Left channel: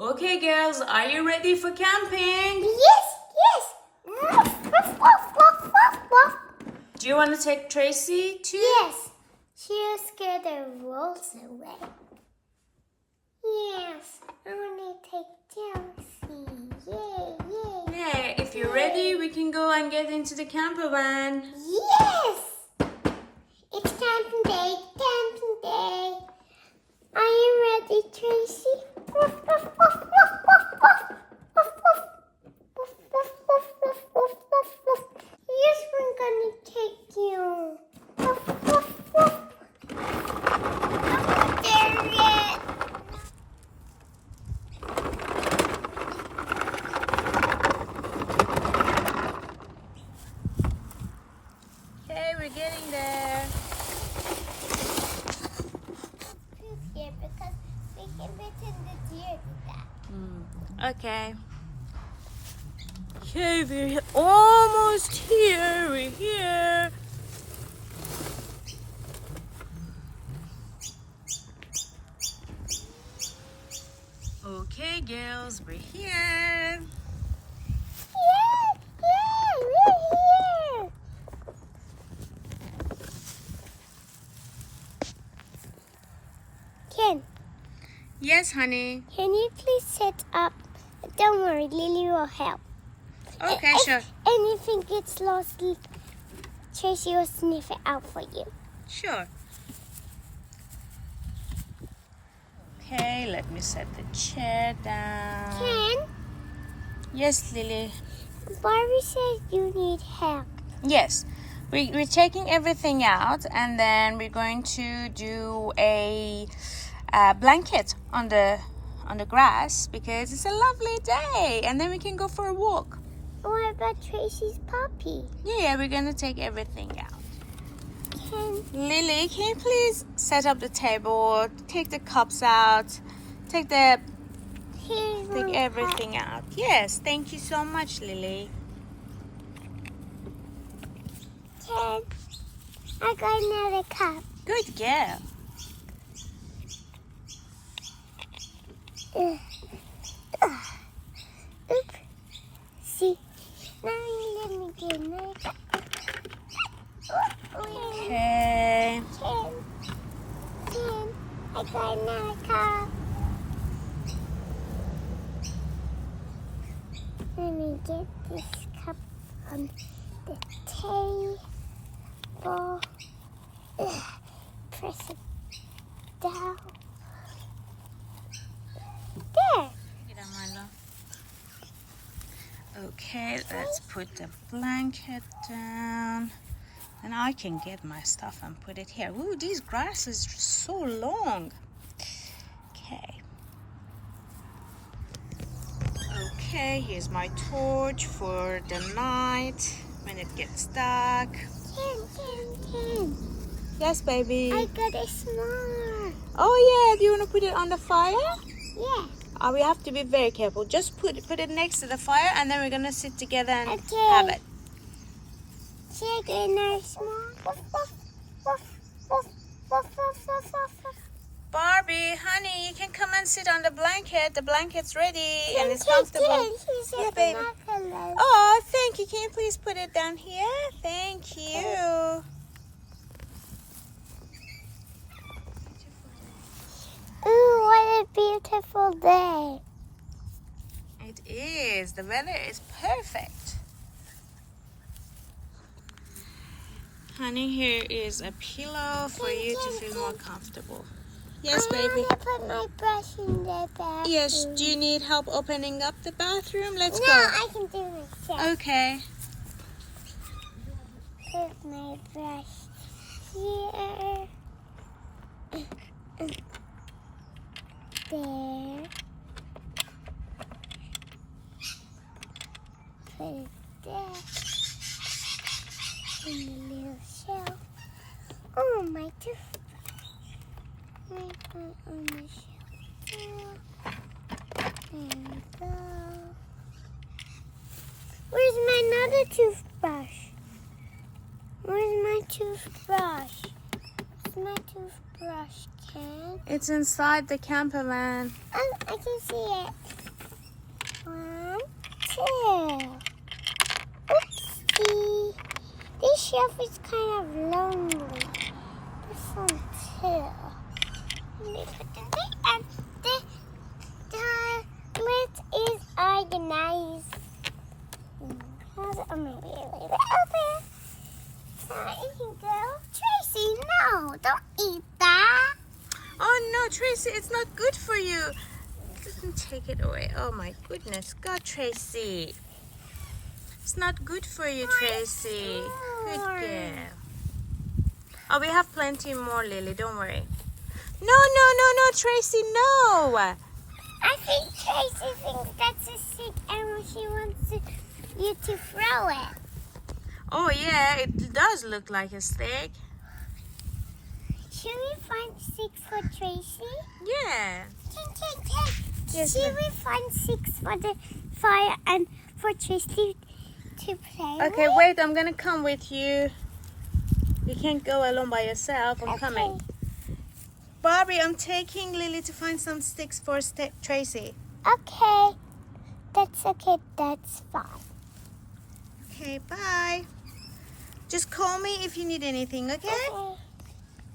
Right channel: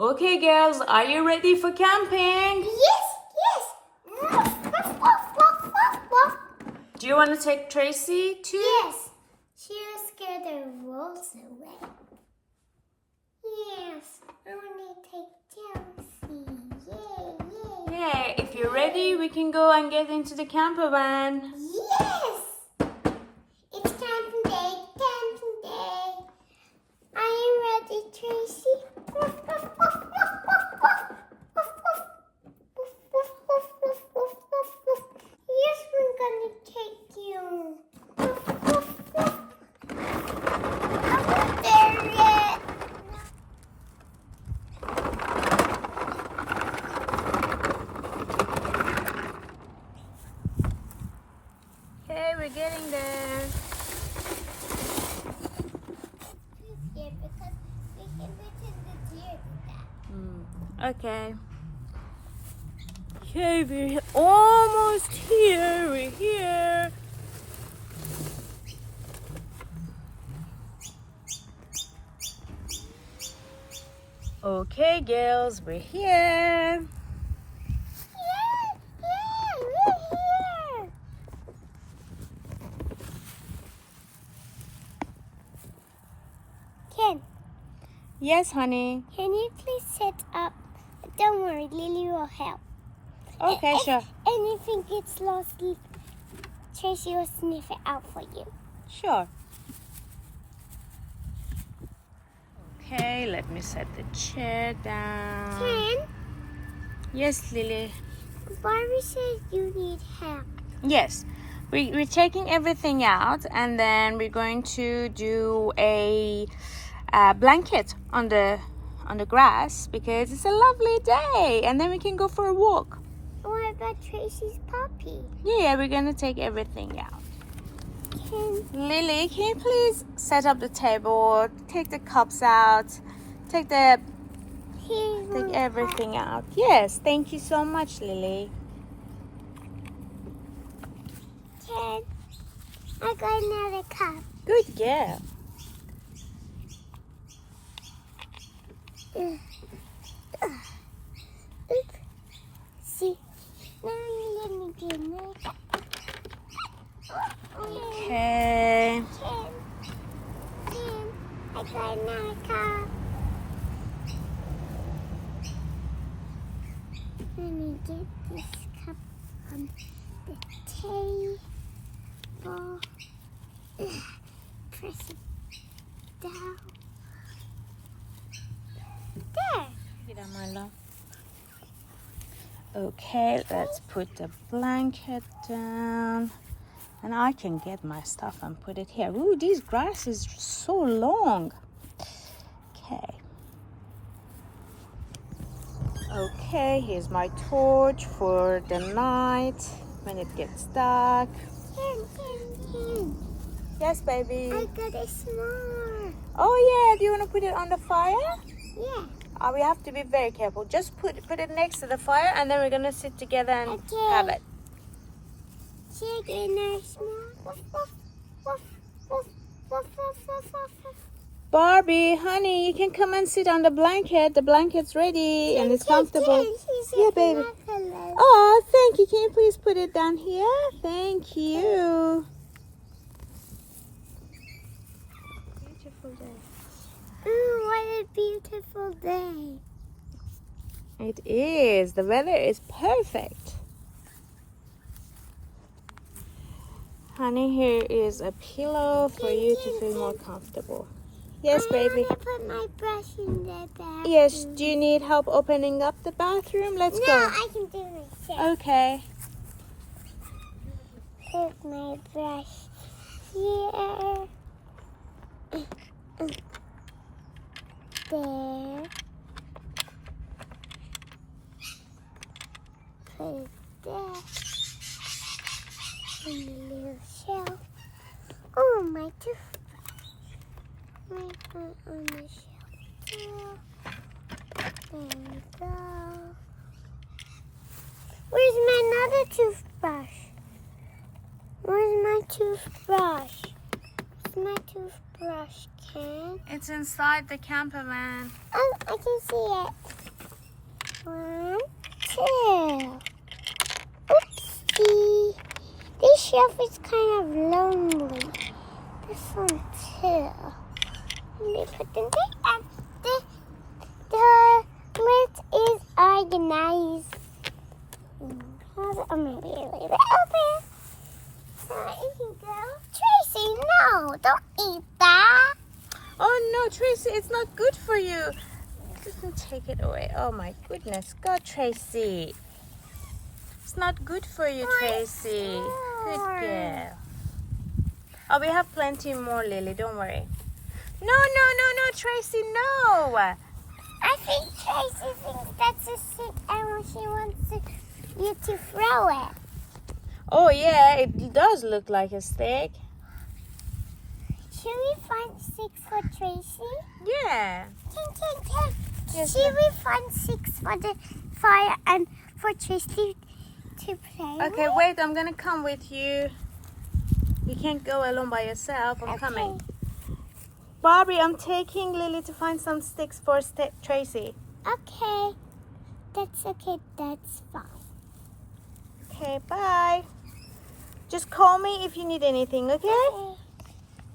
Okay, girls, are you ready for camping? Yes. Do you want to take Tracy too? Yes. She was scared the rolls away. Yes. I want to take Chelsea. Yay. Yeah, if you're ready, we can go and get into the camper van. Yes. It's camping day. Camping day. Are you ready, Tracy? Yes, I'm gonna take you. I'm not there yet. Okay, we're getting there. Here because we can fit in the deer that. Okay. Okay, we're almost here. We're here. Okay, girls, we're here. We're here. Ken, Yes, honey. can you please set up? Don't worry, Lily will help. Okay, If sure. anything gets lost, Tracy will sniff it out for you. Sure. Okay, let me set the chair down. Ken, Yes, Lily. Barbie says you need help. Yes. We're taking everything out, and then we're going to do a blanket on the grass because it's a lovely day, and then we can go for a walk. What about Tracy's puppy? Yeah, we're gonna take everything out. Ken, Lily, can you please set up the table, take the cups out, take everything out. Yes, thank you so much, Lily. Ken, I got another cup. Good girl. Oop. See, let me get another cup. Okay. Ken, I got another cup. Let me get this cup on the table. Press it down. There. Get on, my love. Okay, let's put the blanket down. And I can get my stuff and put it here. Ooh, these grasses are so long. Okay. Okay, here's my torch for the night when it gets dark. Ken. Yes, baby. I got a s'more. Oh yeah, do you want to put it on the fire? Yeah. We have to be very careful. Just put it next to the fire, and then we're gonna sit together and Okay. have it. Chicken or s'more. Barbie, honey, you can come and sit on the blanket. The blanket's ready and it's comfortable. Yeah, baby. Oh, thank you. Can you please put it down here? Thank you. Oh, what a beautiful day. It is. The weather is perfect. Honey, here is a pillow for you to feel more comfortable. Yes, baby. I want to put my brush in the bathroom. Yes, do you need help opening up the bathroom? Let's No, go. I can do this. Okay. Put my brush here. There. Put it there. In the little shelf. Oh, my toothbrush. Right on the shelf. There we go. Where's my other toothbrush? Where's my toothbrush? Where's my toothbrush, Ken? It's inside the camper van. Oh, I can see it. shelf is kind of lonely. This one too. Let me put them there. And the lid is organized. I'm going to leave it open. So you can go. Tracy, no, don't eat that. Oh no, Tracy, it's not good for you. Don't take it away. Oh my goodness. God, Tracy. It's not good for you, Tracy. Good girl. Oh, we have plenty more, Lily. Don't worry. No, Tracy, no. I think Tracy thinks that's a stick and she wants you to throw it. Oh yeah, it does look like a stick. Should we find sticks for Tracy? Yeah. Ken. Yes, Should we find sticks for the fire and for Tracy to play Okay, with? wait, I'm gonna come with you. You can't go alone by yourself. I'm coming. Barbie, I'm taking Lily to find some sticks for Tracy. Okay. That's okay. That's fine. Okay, bye. Just call me if you need anything, okay? Okay.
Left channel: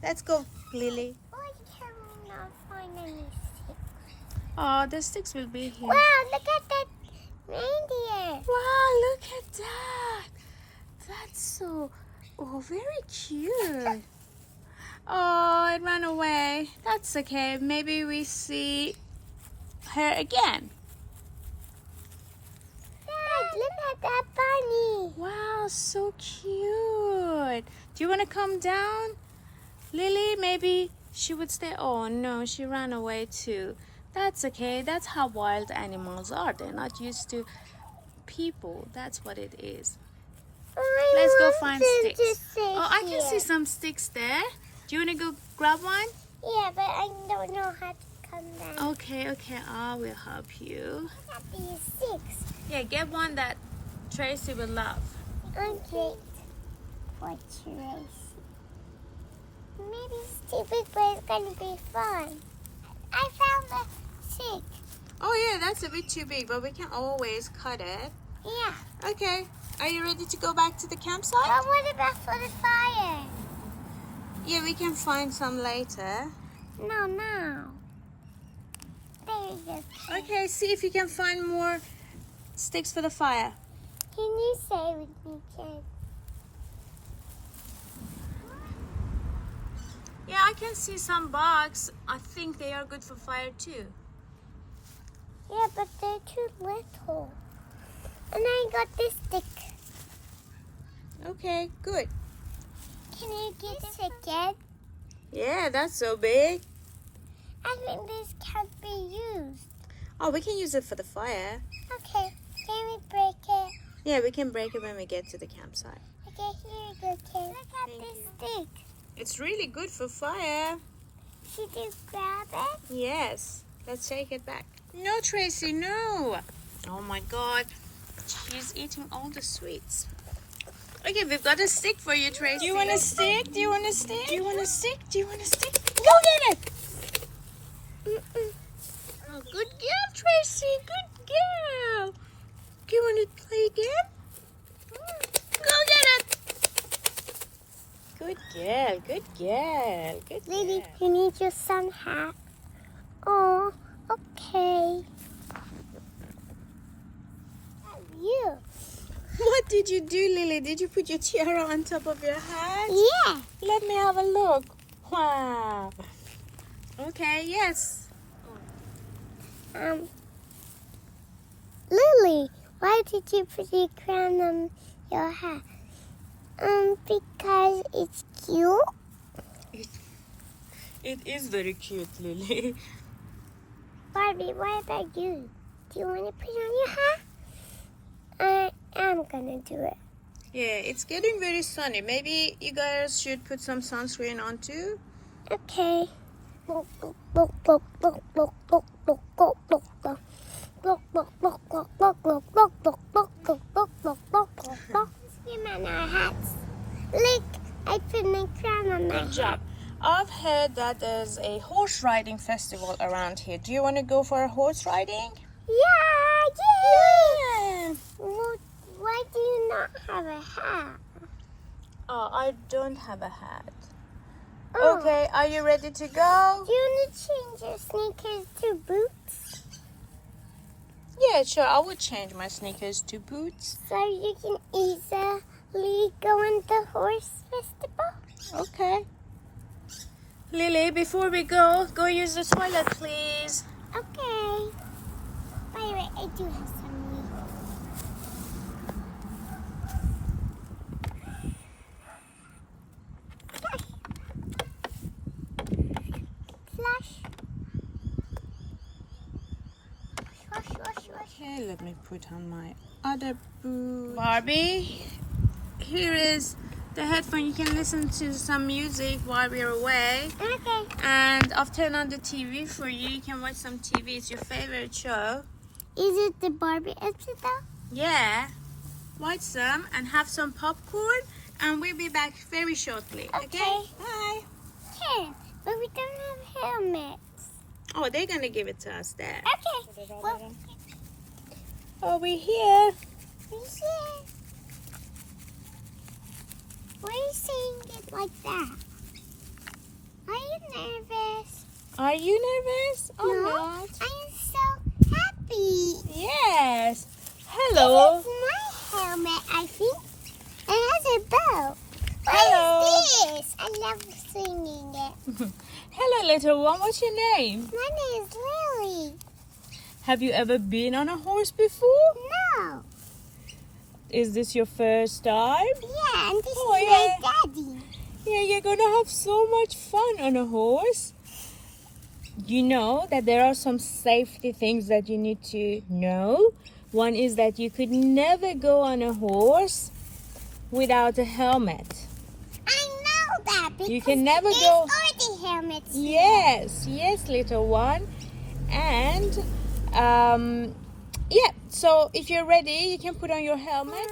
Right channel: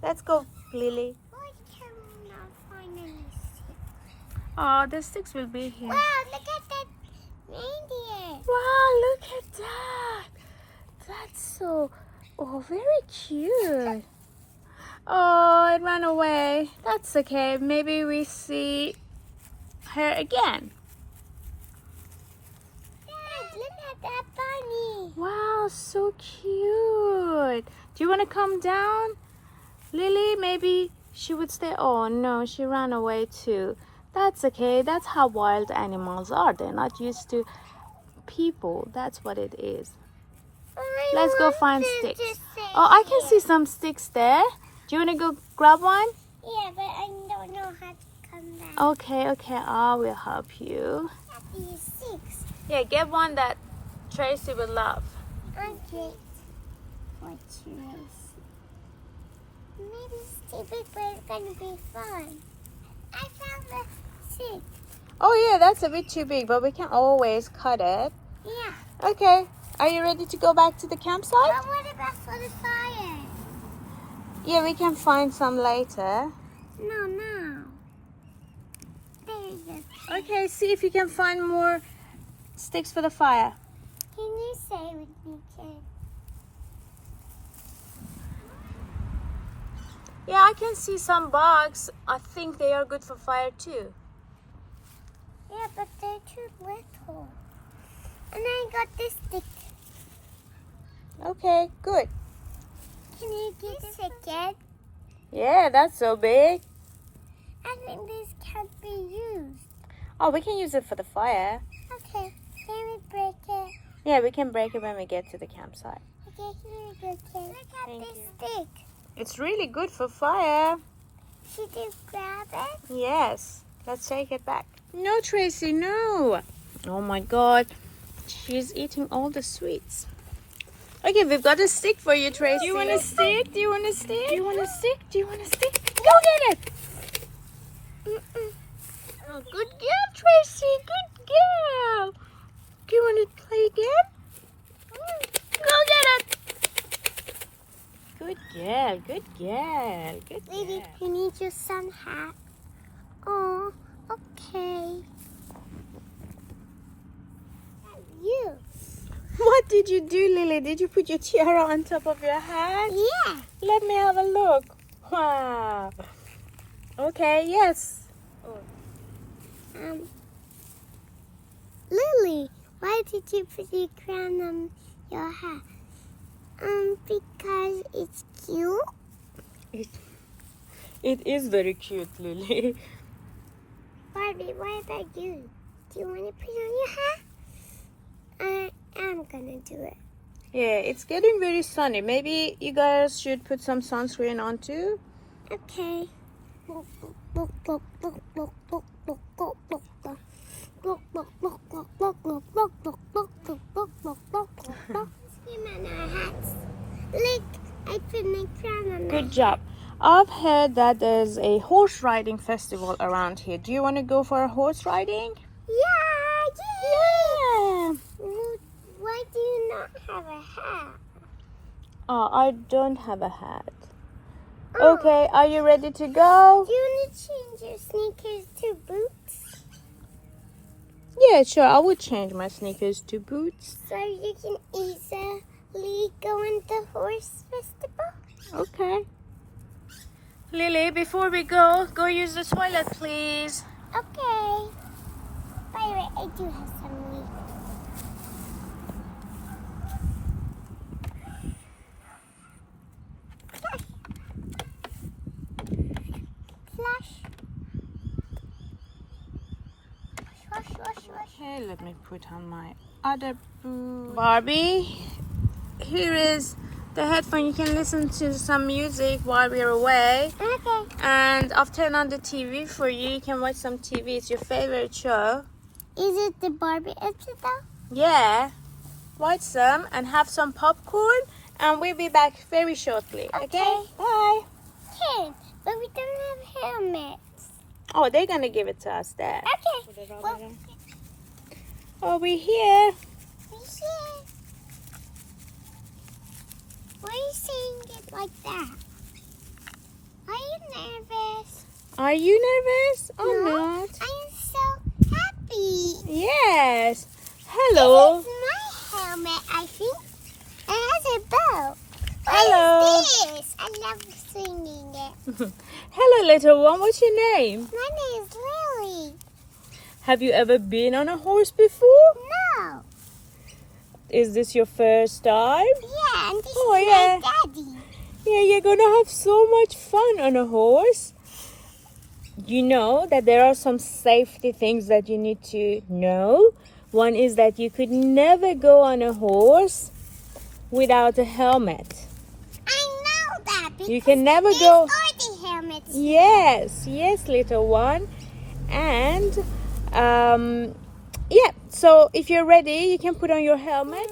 Let's go, Lily. Why can we not find any sticks? Oh, the sticks will be here. Wow, look at that reindeer. Wow, look at that. That's so, very cute. Oh, it ran away. That's okay. Maybe we see her again. Dad, look at that bunny. Wow, so cute. Do you want to come down? Lily, maybe she would stay. Oh no, she ran away too. That's okay. That's how wild animals are. They're not used to people. That's what it is. Let's go find sticks. Oh, I can see some sticks there. Do you want to go grab one? Yeah, but I don't know how to come back. Okay. I will help you. At these sticks. Yeah, get one that Tracy would love. Okay. For Tracy. Maybe stupid, but it's gonna be fun. I found the stick. Oh yeah, that's a bit too big, but we can always cut it. Yeah. Okay. Are you ready to go back to the campsite? But what about for the fire? Yeah, we can find some later. No. There you go. Okay, see if you can find more sticks for the fire. Can you say with me, Ken? Yeah, I can see some bugs. I think they are good for fire too. Yeah, but they're too little. And I got this stick. Okay, good. Can you get this again? Yeah, that's so big. I think this can't be used. Oh, we can use it for the fire. Okay, can we break it? Yeah, we can break it when we get to the campsite. Okay, here you go, Ken. Look at Thank this you. stick. It's really good for fire. Should you grab it? Yes. Let's take it back. No, Tracy, no. Oh my God. She's eating all the sweets. Okay, we've got a stick for you, Tracy. Do you want a stick? Do you want a stick? Do you want a stick? Do you want a stick? Go get it. Oh, good girl, Tracy. Good girl. Do you want to play again? Go get it. Good girl. Good girl. Good Lily, girl. you need your sun hat. Oh, okay. You. What did you do, Lily? Did you put your tiara on top of your hat? Yeah. Let me have a look. Wow. Okay, yes. Lily, why did you put your crown on your hat? Because it's cute. It is very cute, Lily. Barbie, what about you? Do you want to put on your hat? I'm gonna do it. Yeah, it's getting very sunny. Maybe you guys should put some sunscreen on too. Okay. Swim on our hats. Look, I put my crown on my Good job. I've heard that there's a horse riding festival around here. Do you want to go for a horse riding? Yeah. Well, why do you not have a hat? Oh, I don't have a hat. Oh. Okay, are you ready to go? Do you want to change your sneakers to boots? Yeah, sure. I will change my sneakers to boots. So you can easily go on the horse festival? Okay. Lily, before we go use the toilet, please. Okay. By the way, I do have some leaves. Flush. Wash, wash, wash. Okay, let me put on my other boot. Barbie, here is the headphone. You can listen to some music while we're away. Okay. And I've turned on the TV for you. You can watch some TV. It's your favorite show. Is it the Barbie episode? Yeah. Watch some and have some popcorn. And we'll be back very shortly. Okay? Bye. Here, but we don't have helmets. Oh, they're going to give it to us there. Okay. Well, Over here. why are you saying it like that? Are you nervous? Are you nervous? I'm No, not. I am so happy. Yes. Hello. This is my helmet, I think. It has a bow. Hello. What is this? I love singing it. Hello, little one. What's your name? My name is Lily. Have you ever been on a horse before? No. Is this your first time? Yeah, and this Oh, is yeah. my daddy. Yeah, you're gonna have so much fun on a horse. You know that there are some safety things that you need to know. One is that you could never go on a horse without a helmet. I know that because You can never there's go. already helmets. Yes, little one. And yeah, so if you're ready, you can put on your helmet.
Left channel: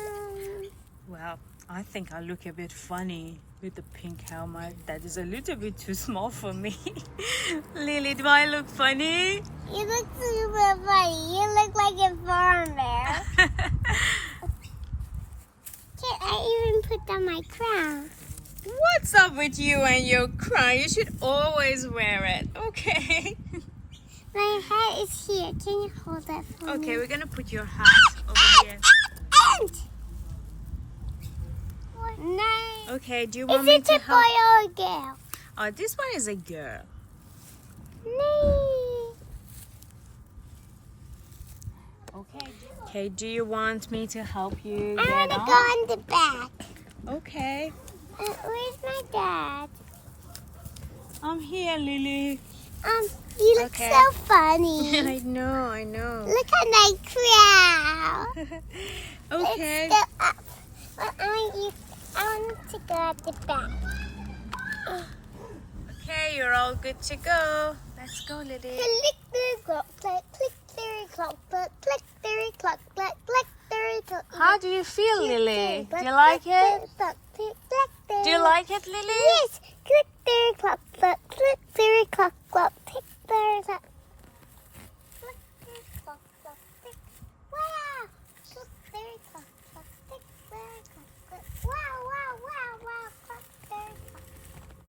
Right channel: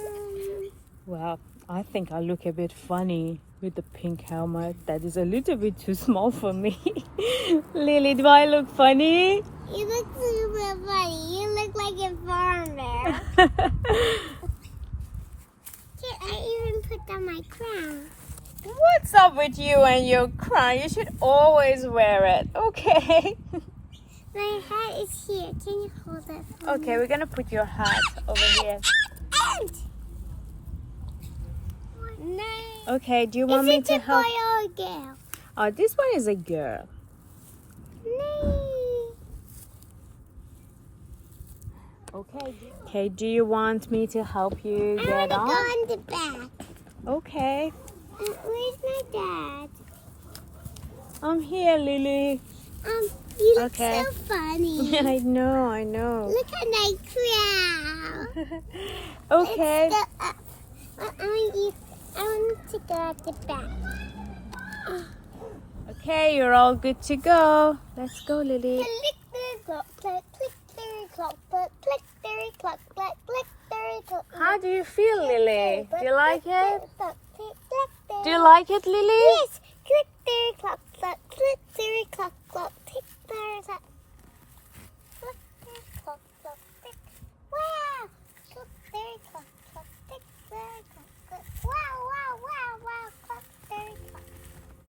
Well, I think I look a bit funny with the pink helmet. That is a little bit too small for me. Lily, do I look funny? You look super funny. You look like a farmer. Can I even put on my crown? What's up with you and your crown? You should always wear it, okay? My hat is here. Can you hold that for me? Okay, we're gonna put your hat over here. And no. Okay, do you want Is me it to a help? boy or a girl? Oh, this one is a girl. No. Okay, do you want me to help you I get want to on? go on the back. Okay, Where's my dad? I'm here, Lily. You look Okay. so funny. I know. Look at my crown. Okay. It's still up. But I want to go at the back. Okay, you're all good to go. Let's go, Lily. Click the clock, click, click the clock, click the clock, click the clock. How do you feel, Lily? Do you like it? Do you like it, Lily? Yes, click the clock,